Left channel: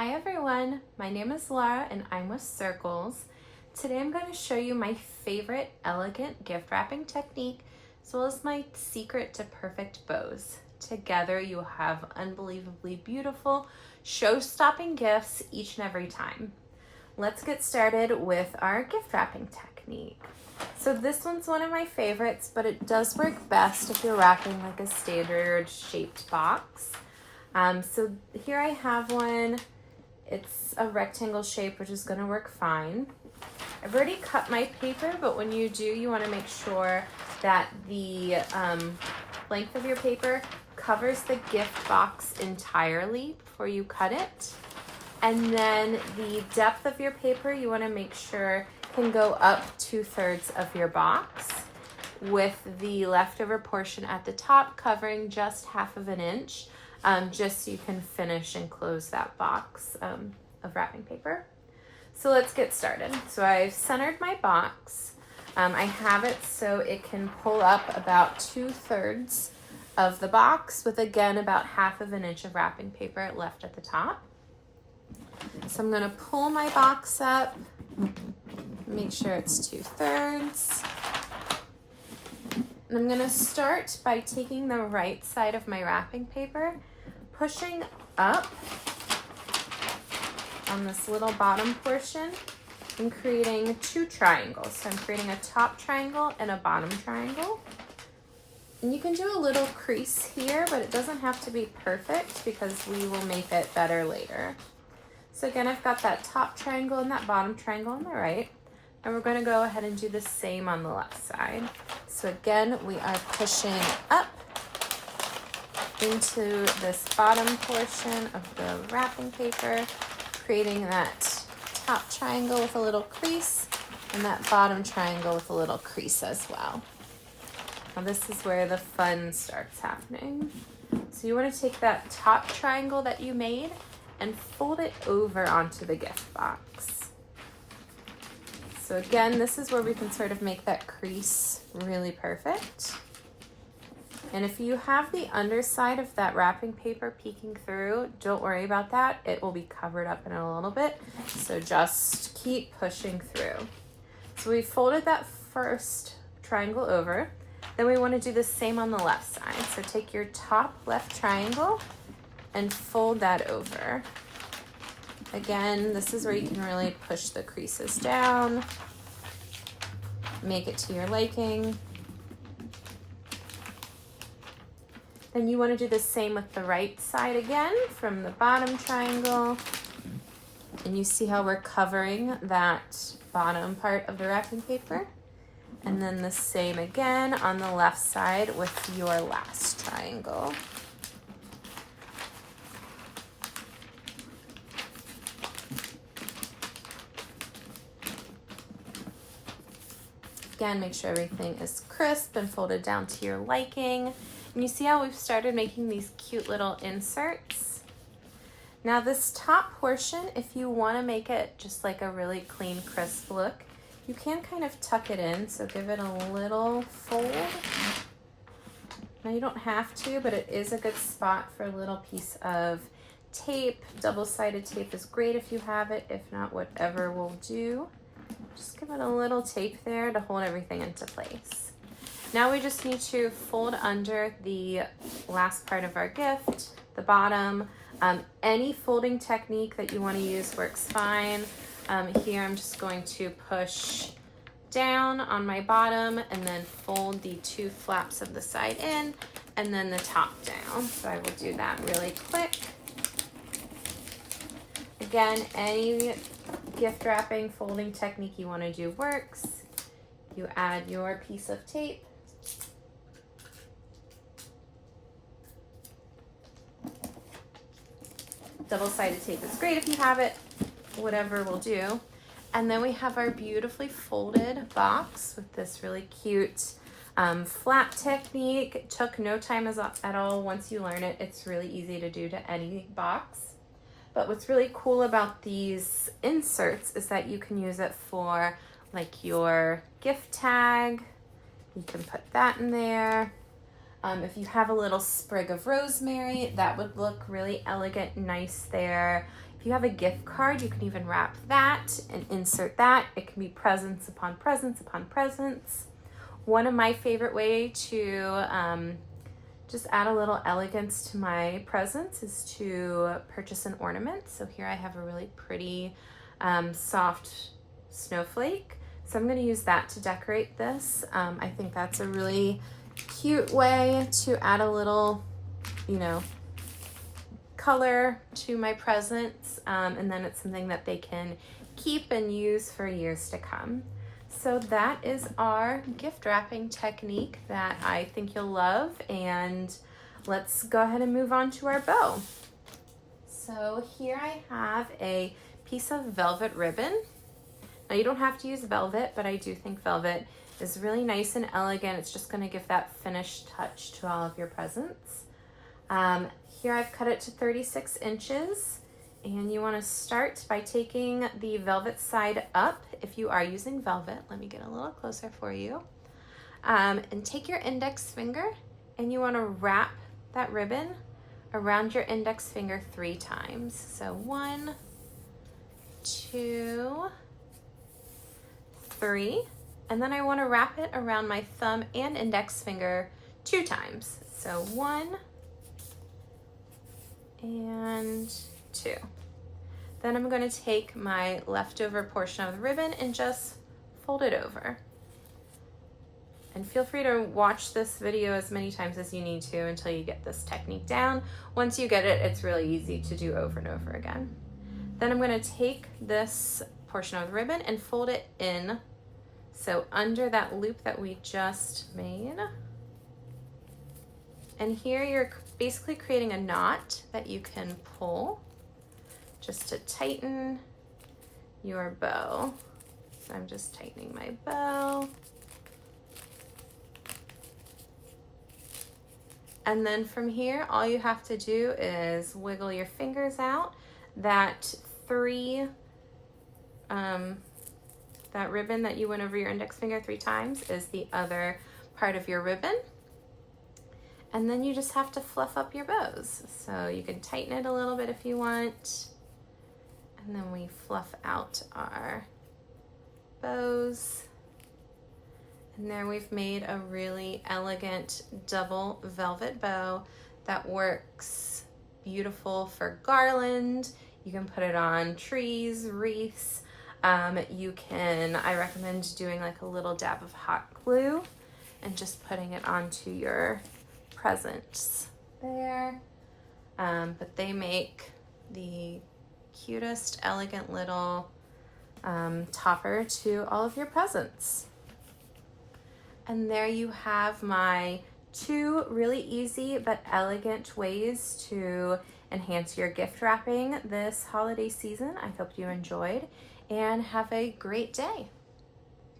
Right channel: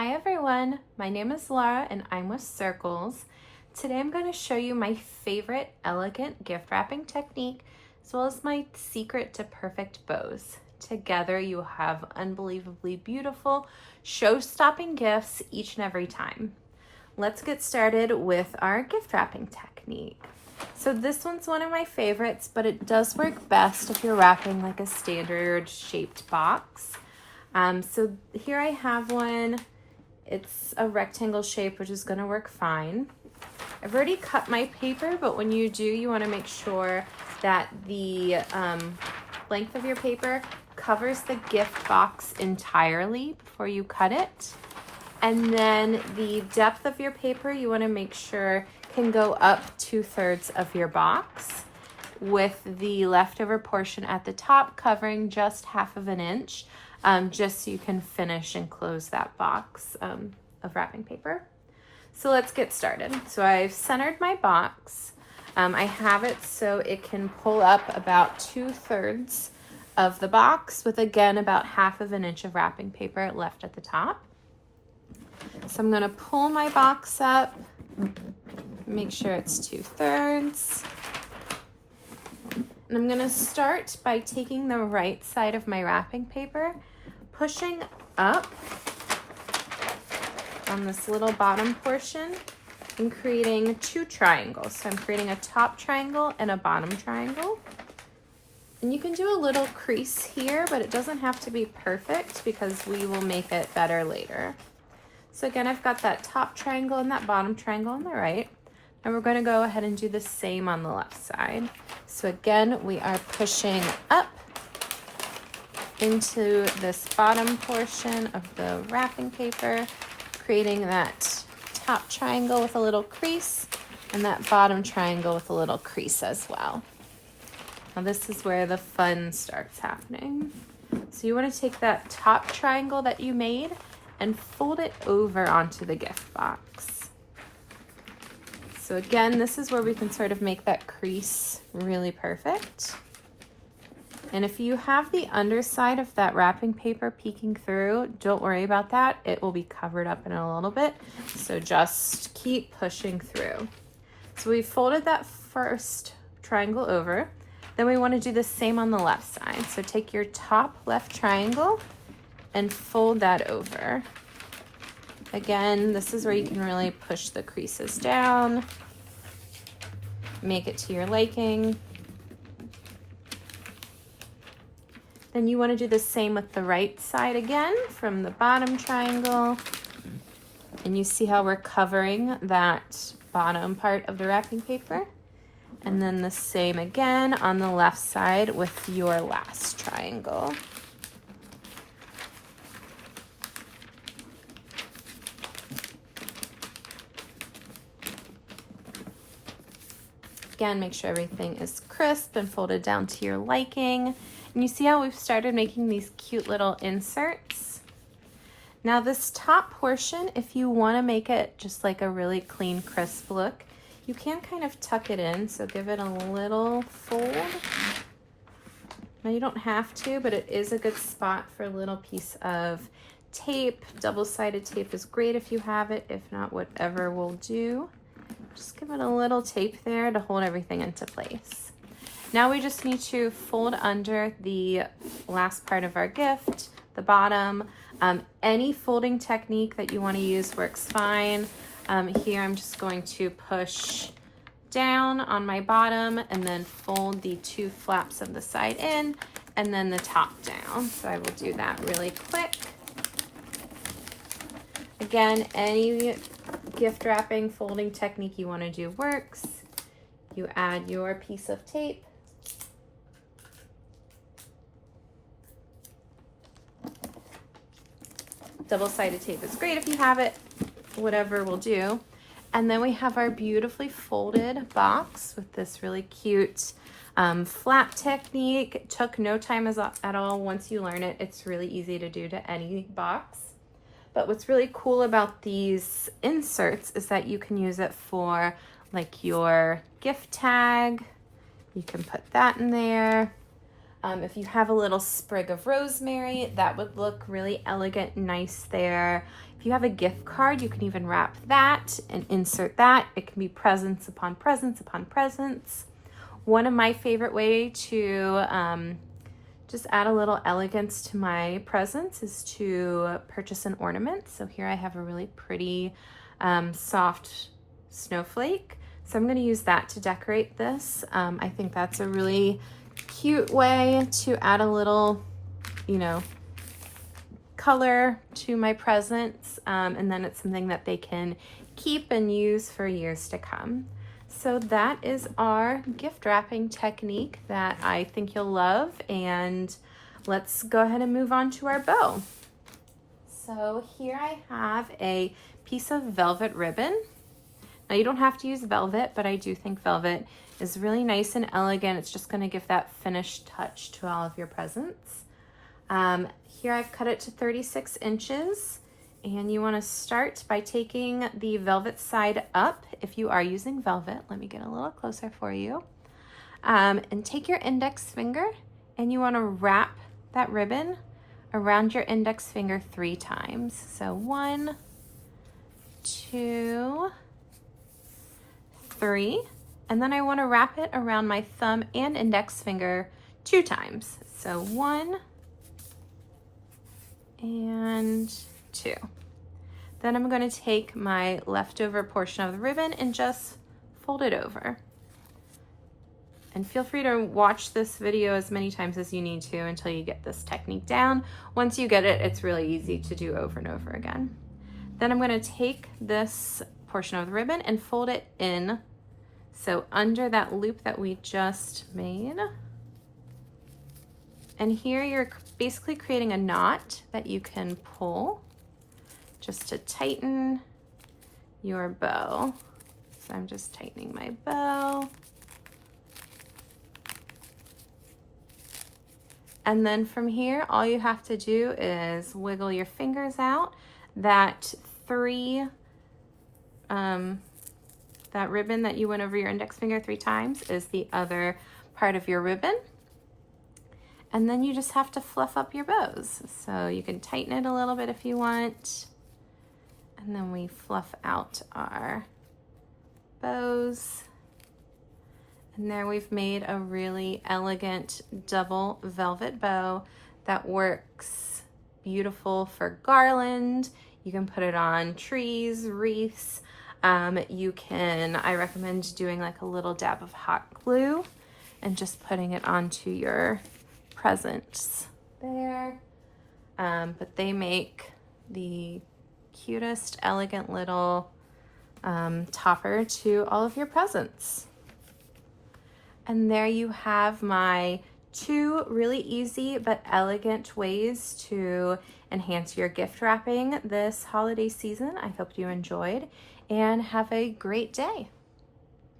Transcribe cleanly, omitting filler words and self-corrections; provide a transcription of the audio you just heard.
Hi everyone, my name is Laura and I'm with Circles. Today I'm going to show you my favorite elegant gift wrapping technique as well as my secret to perfect bows. Together you have unbelievably beautiful, show-stopping gifts each and every time. Let's get started with our gift wrapping technique. So this one's one of my favorites, but it does work best if you're wrapping like a standard shaped box. So here I have one. It's a rectangle shape, which is going to work fine. I've already cut my paper, but when you do, you want to make sure that the length of your paper covers the gift box entirely before you cut it. And then the depth of your paper, you want to make sure can go up 2/3 of your box, with the leftover portion at the top covering just 1/2 inch. Just so you can finish and close that box of wrapping paper. So let's get started. So I've centered my box. I have it so it can pull up about 2/3 of the box with, again, about 1/2 inch of wrapping paper left at the top. So I'm gonna pull my box up, make sure it's 2/3. And I'm going to start by taking the right side of my wrapping paper, pushing up on this little bottom portion and creating 2 triangles. So I'm creating a top triangle and a bottom triangle. And you can do a little crease here, but it doesn't have to be perfect because we will make it better later. So again, I've got that top triangle and that bottom triangle on the right. And we're going to go ahead and do the same on the left side. So again, we are pushing up into this bottom portion of the wrapping paper, creating that top triangle with a little crease and that bottom triangle with a little crease as well. Now this is where the fun starts happening. So you want to take that top triangle that you made and fold it over onto the gift box. So again, this is where we can sort of make that crease really perfect. And if you have the underside of that wrapping paper peeking through, don't worry about that. It will be covered up in a little bit. So just keep pushing through. So we folded that first triangle over. Then we want to do the same on the left side. So take your top left triangle and fold that over. Again, this is where you can really push the creases down, make it to your liking. Then you want to do the same with the right side again from the bottom triangle. And you see how we're covering that bottom part of the wrapping paper. And then the same again on the left side with your last triangle. Again, make sure everything is crisp and folded down to your liking. And you see how we've started making these cute little inserts? Now this top portion, if you want to make it just like a really clean, crisp look, you can kind of tuck it in, so give it a little fold. Now you don't have to, but it is a good spot for a little piece of tape. Double-sided tape is great if you have it. If not, whatever will do. Just give it a little tape there to hold everything into place. Now we just need to fold under the last part of our gift, the bottom. Any folding technique that you want to use works fine. Here I'm just going to push down on my bottom and then fold the 2 flaps of the side in and then the top down. So I will do that really quick. Again, any gift wrapping folding technique you want to do works. You add your piece of tape. Double-sided tape is great if you have it. Whatever will do. And then we have our beautifully folded box with this really cute flap technique. It took no time at all. Once you learn it, it's really easy to do to any box. But what's really cool about these inserts is that you can use it for like your gift tag. You can put that in there. If you have a little sprig of rosemary, that would look really elegant and nice there. If you have a gift card, you can even wrap that and insert that. It can be presents upon presents upon presents. One of my favorite way to just add a little elegance to my presents is to purchase an ornament. So here I have a really pretty soft snowflake. So I'm going to use that to decorate this. I think that's a really cute way to add a little, color to my presents. And then it's something that they can keep and use for years to come. So that is our gift wrapping technique that I think you'll love, and let's go ahead and move on to our bow. So here I have a piece of velvet ribbon. Now you don't have to use velvet, but I do think velvet is really nice and elegant. It's just going to give that finished touch to all of your presents. Here I've cut it to 36 inches. And you want to start by taking the velvet side up. If you are using velvet, let me get a little closer for you. And take your index finger and you want to wrap that ribbon around your index finger 3 times. So 1, 2, 3. And then I want to wrap it around my thumb and index finger 2 times. So 1 and 2. Then I'm going to take my leftover portion of the ribbon and just fold it over. And feel free to watch this video as many times as you need to until you get this technique down. Once you get it, it's really easy to do over and over again. Then I'm going to take this portion of the ribbon and fold it in. So under that loop that we just made. And here you're basically creating a knot that you can pull just to tighten your bow. So I'm just tightening my bow. And then from here, all you have to do is wiggle your fingers out. That ribbon that you went over your index finger 3 times is the other part of your ribbon. And then you just have to fluff up your bows. So you can tighten it a little bit if you want. And then we fluff out our bows. And there we've made a really elegant double velvet bow that works beautiful for garland. You can put it on trees, wreaths. I recommend doing like a little dab of hot glue and just putting it onto your presents there. But they make the cutest, elegant little topper to all of your presents. And there you have my 2 really easy but elegant ways to enhance your gift wrapping this holiday season. I hope you enjoyed and have a great day.